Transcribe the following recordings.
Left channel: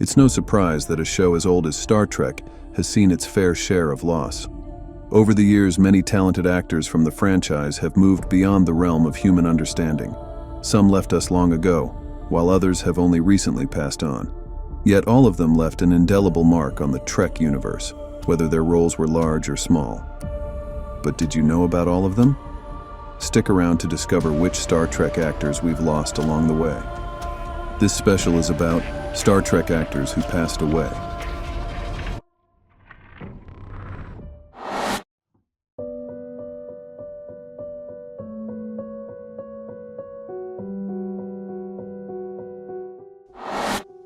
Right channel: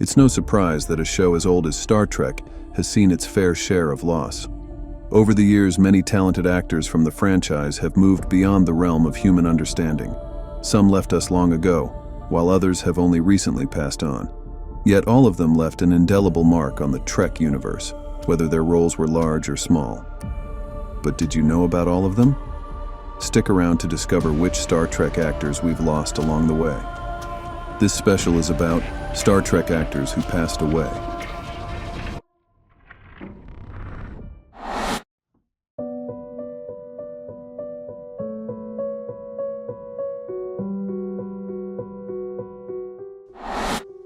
It's no surprise that a show as old as Star Trek has seen its fair share of loss. Over the years, many talented actors from the franchise have moved beyond the realm of human understanding. Some left us long ago, while others have only recently passed on. Yet all of them left an indelible mark on the Trek universe, whether their roles were large or small. But did you know about all of them? Stick around to discover which Star Trek actors we've lost along the way. This special is about Star Trek actors who passed away.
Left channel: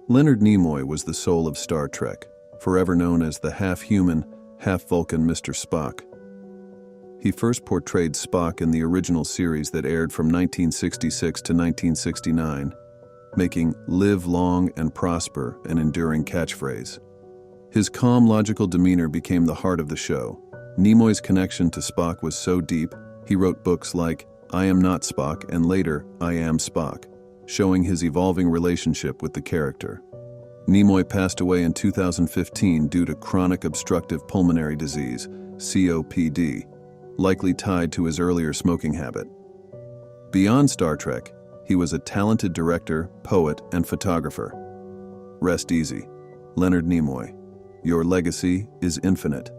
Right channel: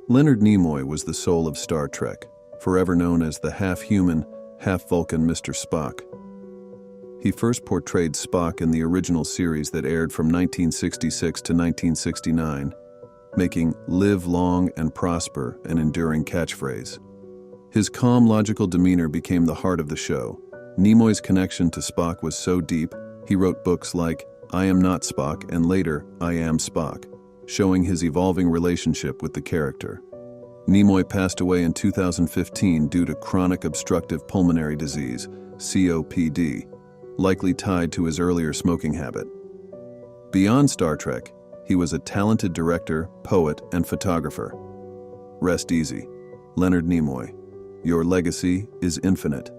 Leonard Nimoy was the soul of Star Trek, forever known as the half-human, half-Vulcan Mr. Spock. He first portrayed Spock in the original series that aired from 1966 to 1969, making "Live long and prosper" an enduring catchphrase. His calm, logical demeanor became the heart of the show. Nimoy's connection to Spock was so deep, he wrote books like I Am Not Spock and later I Am Spock, showing his evolving relationship with the character. Nimoy passed away in 2015 due to chronic obstructive pulmonary disease, COPD, likely tied to his earlier smoking habit. Beyond Star Trek, he was a talented director, poet, and photographer. Rest easy, Leonard Nimoy. Your legacy is infinite.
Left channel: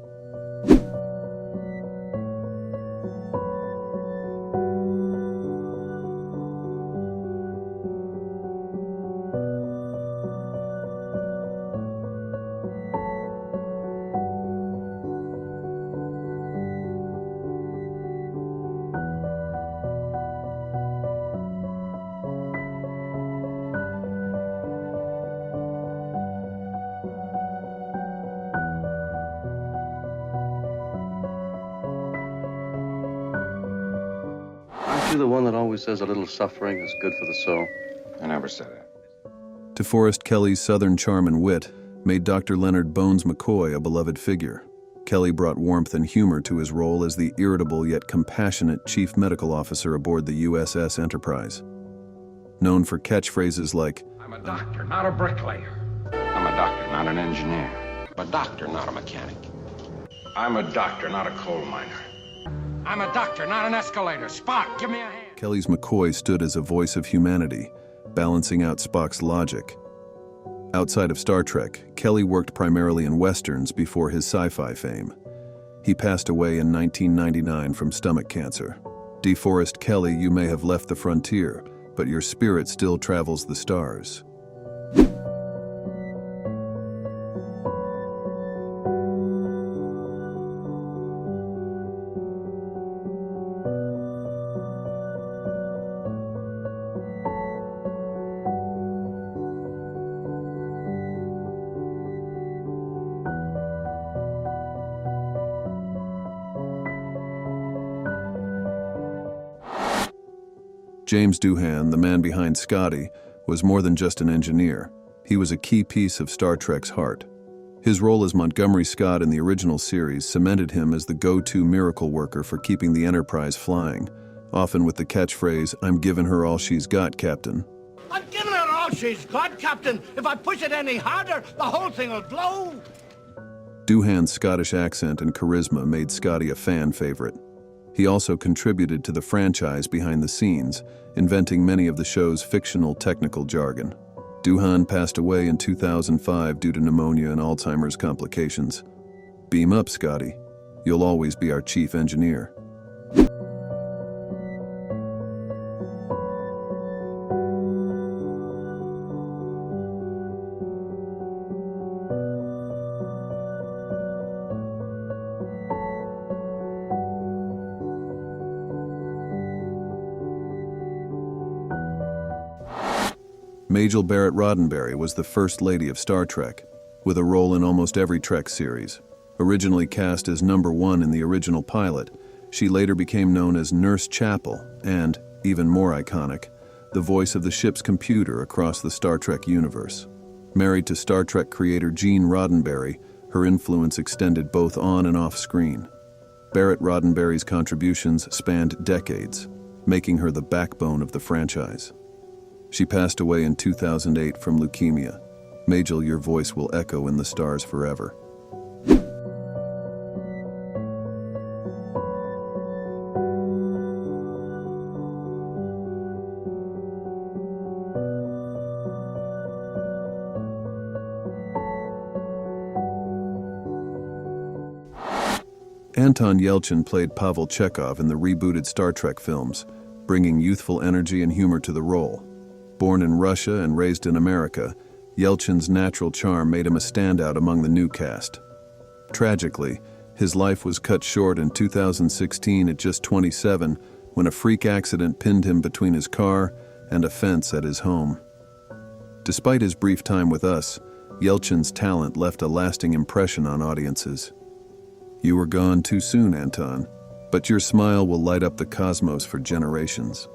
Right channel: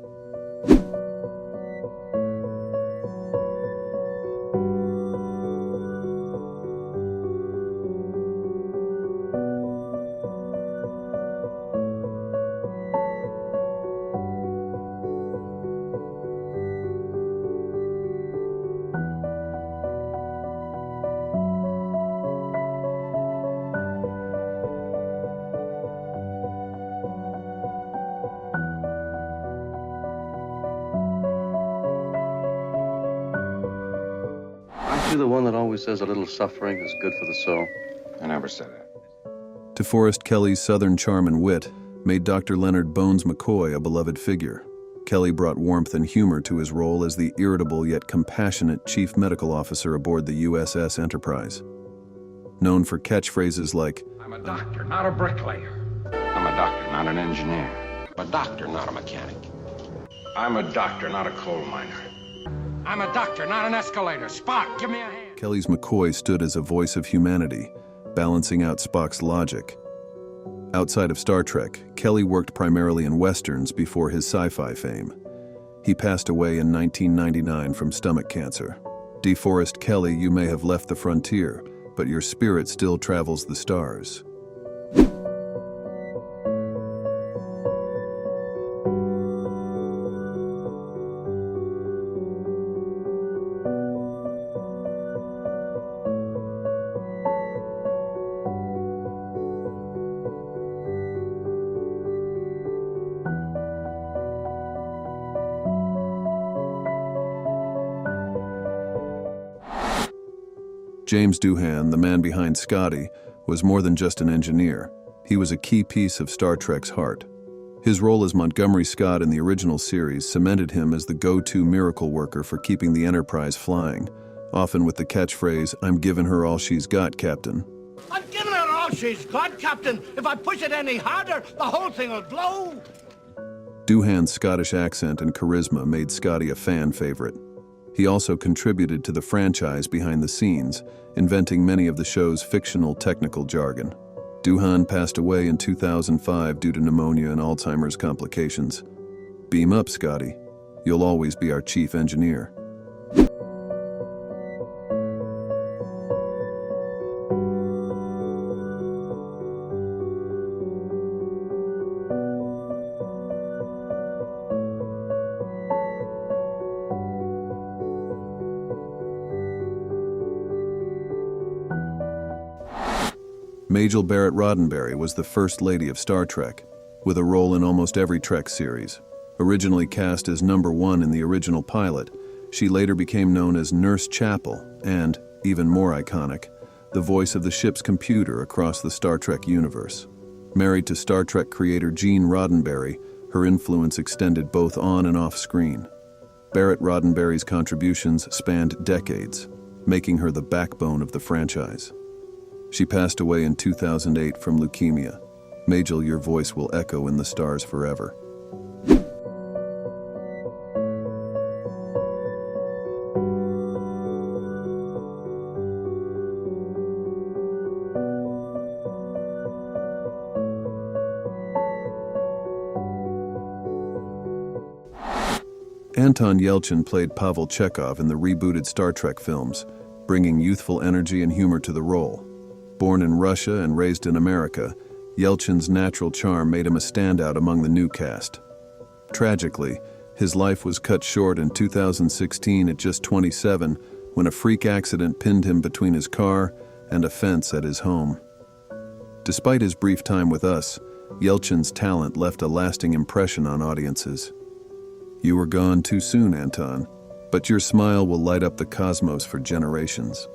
Aren't you the one that always says a little suffering is good for the soul? I never said that. DeForest Kelley's southern charm and wit made Dr. Leonard Bones McCoy a beloved figure. Kelley brought warmth and humor to his role as the irritable yet compassionate chief medical officer aboard the USS Enterprise. Known for catchphrases like, I'm a doctor, not a bricklayer. I'm a doctor, not an engineer. I'm a doctor, not a mechanic. I'm a doctor, not a coal miner. I'm a doctor, not an escalator. Spock, give me a hand. Kelley's McCoy stood as a voice of humanity, balancing out Spock's logic. Outside of Star Trek, Kelley worked primarily in westerns before his sci-fi fame. He passed away in 1999 from stomach cancer. DeForest Kelley, you may have left the frontier, but your spirit still travels the stars. James Doohan, the man behind Scotty, was more than just an engineer. He was a key piece of Star Trek's heart. His role as Montgomery Scott in the original series cemented him as the go-to miracle worker for keeping the Enterprise flying, often with the catchphrase, I'm giving her all she's got, Captain. I'm giving her all she's got, Captain. If I push it any harder, the whole thing will blow. Doohan's Scottish accent and charisma made Scotty a fan favorite. He also contributed to the franchise behind the scenes, inventing many of the show's fictional technical jargon. Doohan passed away in 2005 due to pneumonia and Alzheimer's complications. Beam up, Scotty. You'll always be our chief engineer. Majel Barrett-Roddenberry was the First Lady of Star Trek, with a role in almost every Trek series. Originally cast as number 1 in the original pilot, she later became known as Nurse Chapel and, even more iconic, the voice of the ship's computer across the Star Trek universe. Married to Star Trek creator Gene Roddenberry, her influence extended both on and off screen. Barrett-Roddenberry's contributions spanned decades, making her the backbone of the franchise. She passed away in 2008 from leukemia. Majel, your voice will echo in the stars forever. Anton Yelchin played Pavel Chekhov in the rebooted Star Trek films, bringing youthful energy and humor to the role. Born in Russia and raised in America, Yelchin's natural charm made him a standout among the new cast. Tragically, his life was cut short in 2016 at just 27 when a freak accident pinned him between his car and a fence at his home. Despite his brief time with us, Yelchin's talent left a lasting impression on audiences. You were gone too soon, Anton, but your smile will light up the cosmos for generations.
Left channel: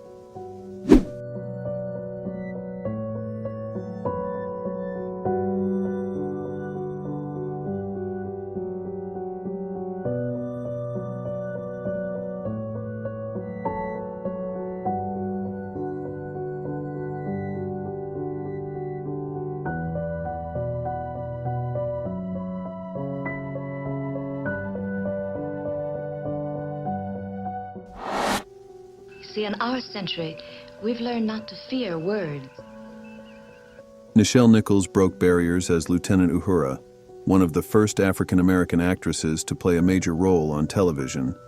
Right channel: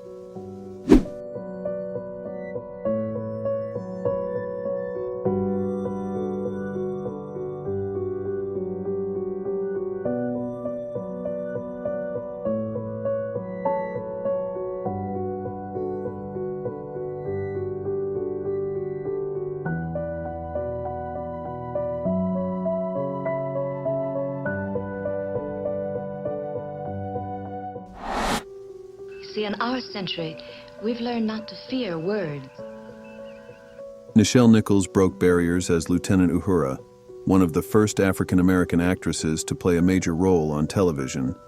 See, in our century, we've learned not to fear words. Nichelle Nichols broke barriers as Lieutenant Uhura, one of the first African-American actresses to play a major role on television.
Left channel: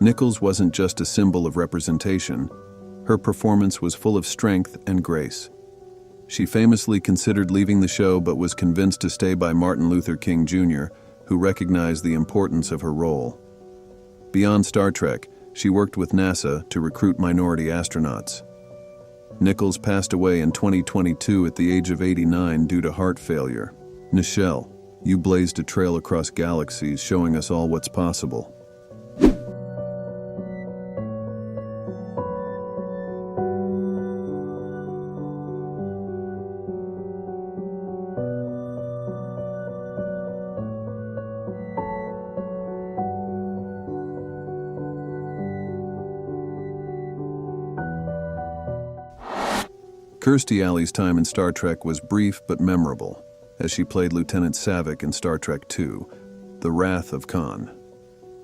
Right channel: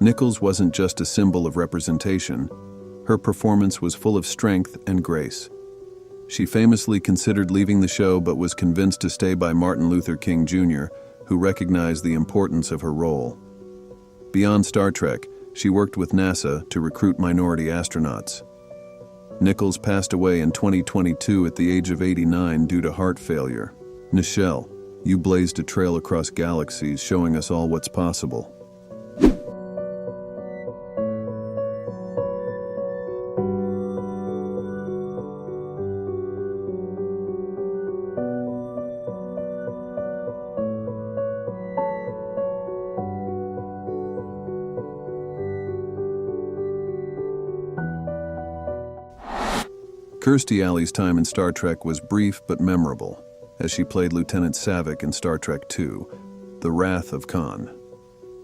Nichols wasn't just a symbol of representation. Her performance was full of strength and grace. She famously considered leaving the show but was convinced to stay by Martin Luther King Jr., who recognized the importance of her role. Beyond Star Trek, she worked with NASA to recruit minority astronauts. Nichols passed away in 2022 at the age of 89 due to heart failure. Nichelle, you blazed a trail across galaxies, showing us all what's possible. Kirstie Alley's time in Star Trek was brief but memorable, as she played Lieutenant Saavik in Star Trek II, The Wrath of Khan.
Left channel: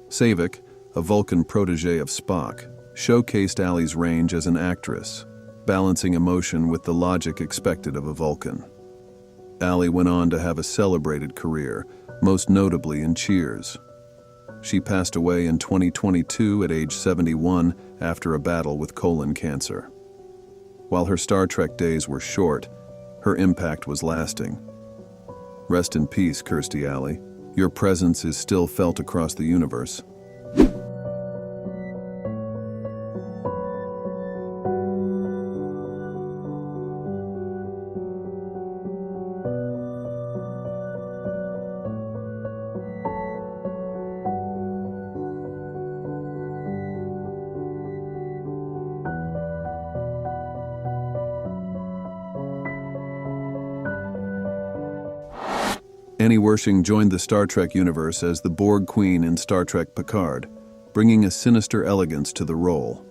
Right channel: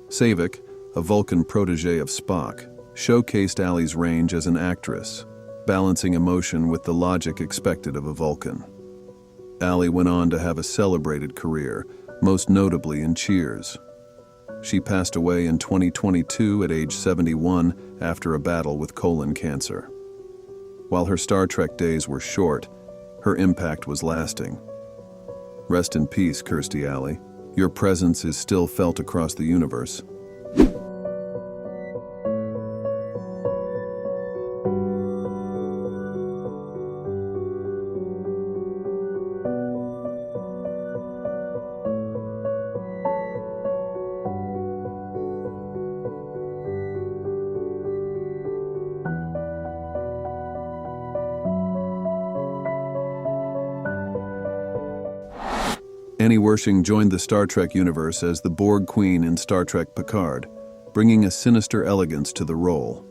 Saavik, a Vulcan protege of Spock, showcased Alley's range as an actress, balancing emotion with the logic expected of a Vulcan. Alley went on to have a celebrated career, most notably in Cheers. She passed away in 2022 at age 71 after a battle with colon cancer. While her Star Trek days were short, her impact was lasting. Rest in peace, Kirstie Alley. Your presence is still felt across the universe. Wersching joined the Star Trek universe as the Borg Queen in Star Trek Picard, bringing a sinister elegance to the role.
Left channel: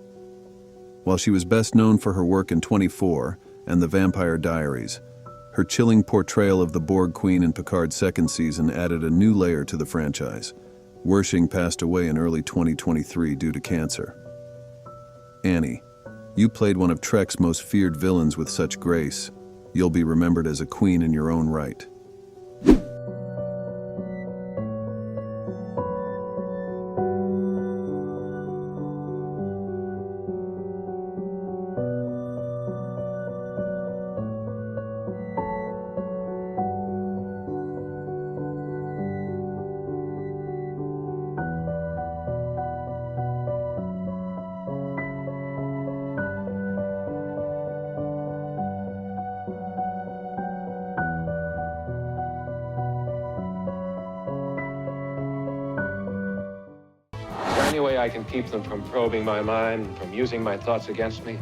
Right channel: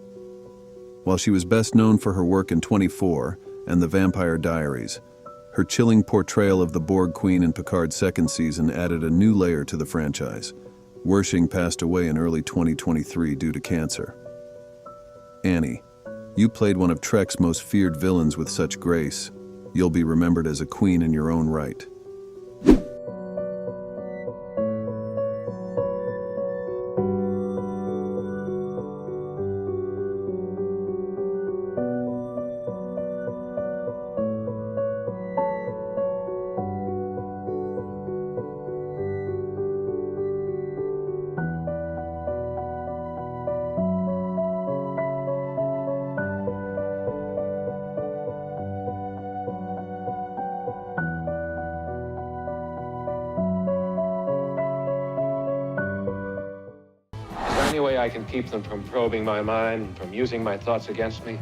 While she was best known for her work in 24 and The Vampire Diaries, her chilling portrayal of the Borg Queen in Picard's second season added a new layer to the franchise. Wersching passed away in early 2023 due to cancer. Annie, you played one of Trek's most feared villains with such grace. You'll be remembered as a queen in your own right. Any way I can keep them from probing my mind, from using my thoughts against me?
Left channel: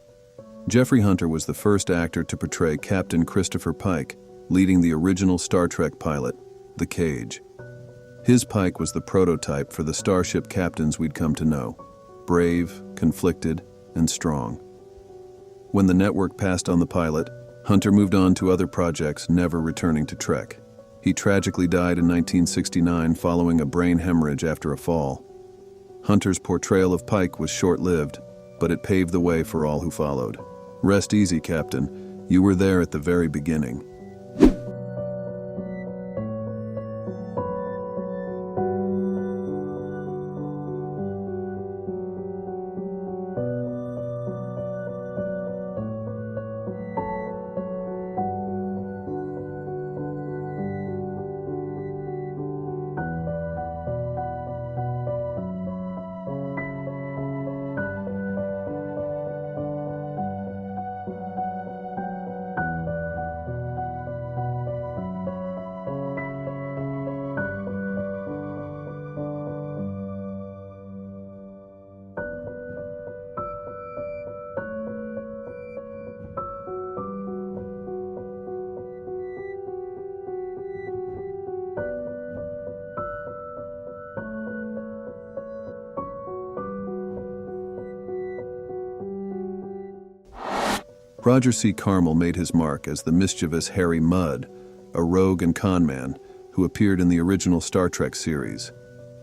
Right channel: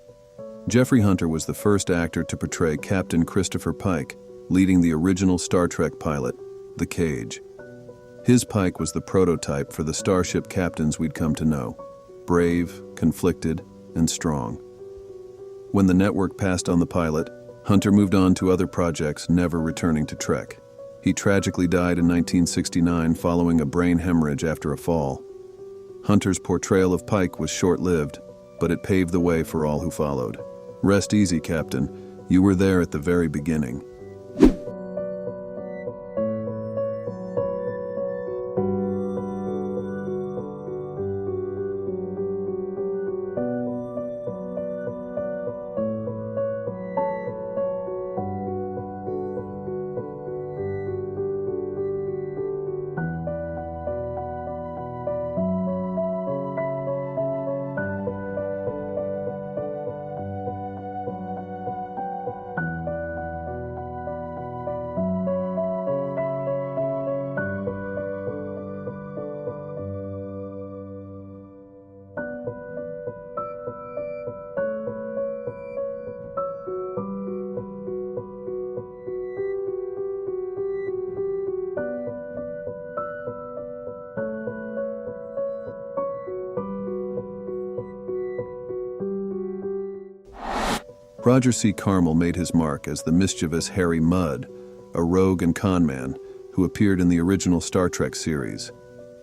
Jeffrey Hunter was the first actor to portray Captain Christopher Pike, leading the original Star Trek pilot, The Cage. His Pike was the prototype for the starship captains we'd come to know, brave, conflicted, and strong. When the network passed on the pilot, Hunter moved on to other projects, never returning to Trek. He tragically died in 1969 following a brain hemorrhage after a fall. Hunter's portrayal of Pike was short-lived, but it paved the way for all who followed. Rest easy, Captain. You were there at the very beginning. Roger C. Carmel made his mark as the mischievous Harry Mudd, a rogue and conman who appeared in the original Star Trek series.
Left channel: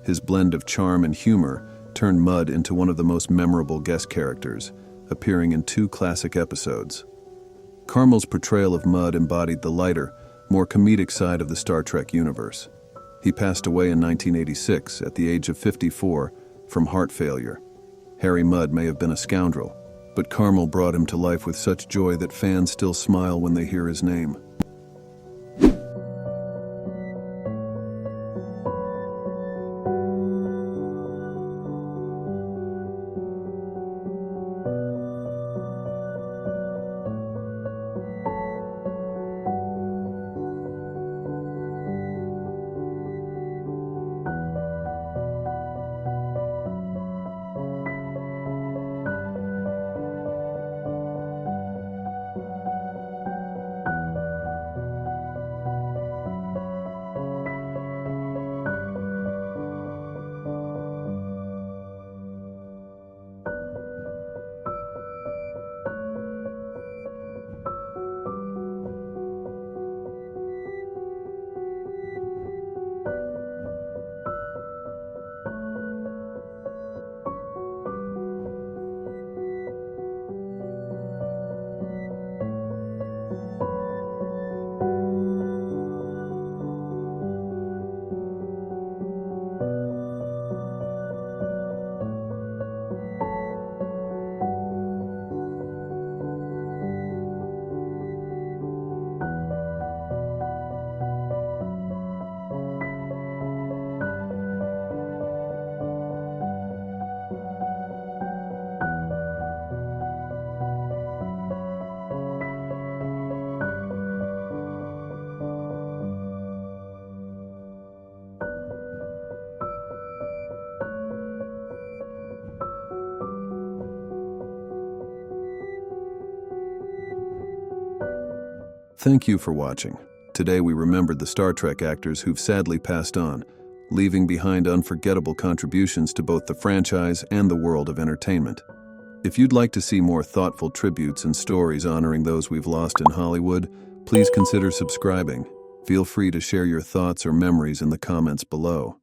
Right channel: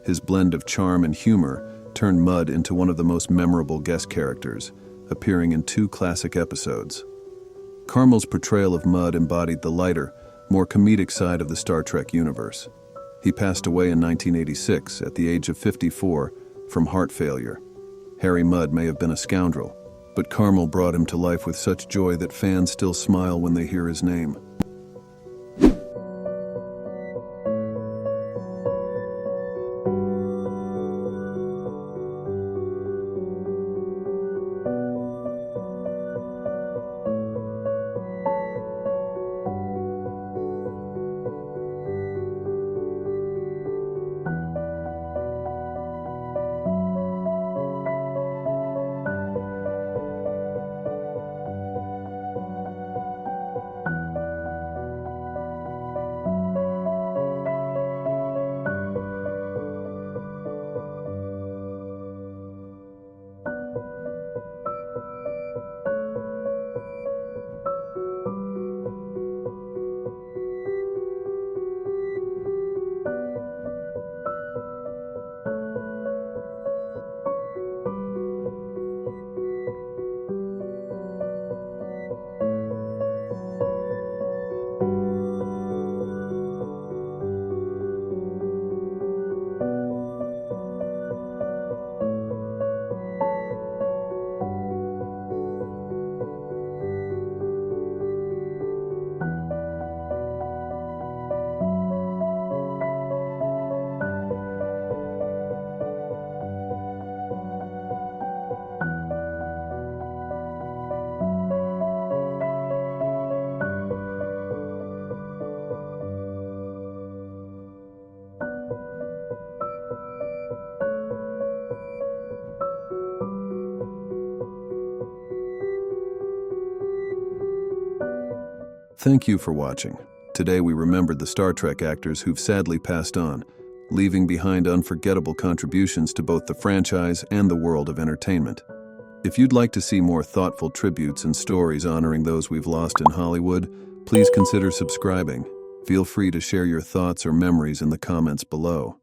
His blend of charm and humor turned Mudd into one of the most memorable guest characters, appearing in 2 classic episodes. Carmel's portrayal of Mudd embodied the lighter, more comedic side of the Star Trek universe. He passed away in 1986 at the age of 54 from heart failure. Harry Mudd may have been a scoundrel, but Carmel brought him to life with such joy that fans still smile when they hear his name. Thank you for watching. Today we remembered the Star Trek actors who've sadly passed on, leaving behind unforgettable contributions to both the franchise and the world of entertainment. If you'd like to see more thoughtful tributes and stories honoring those we've lost in Hollywood, please consider subscribing. Feel free to share your thoughts or memories in the comments below.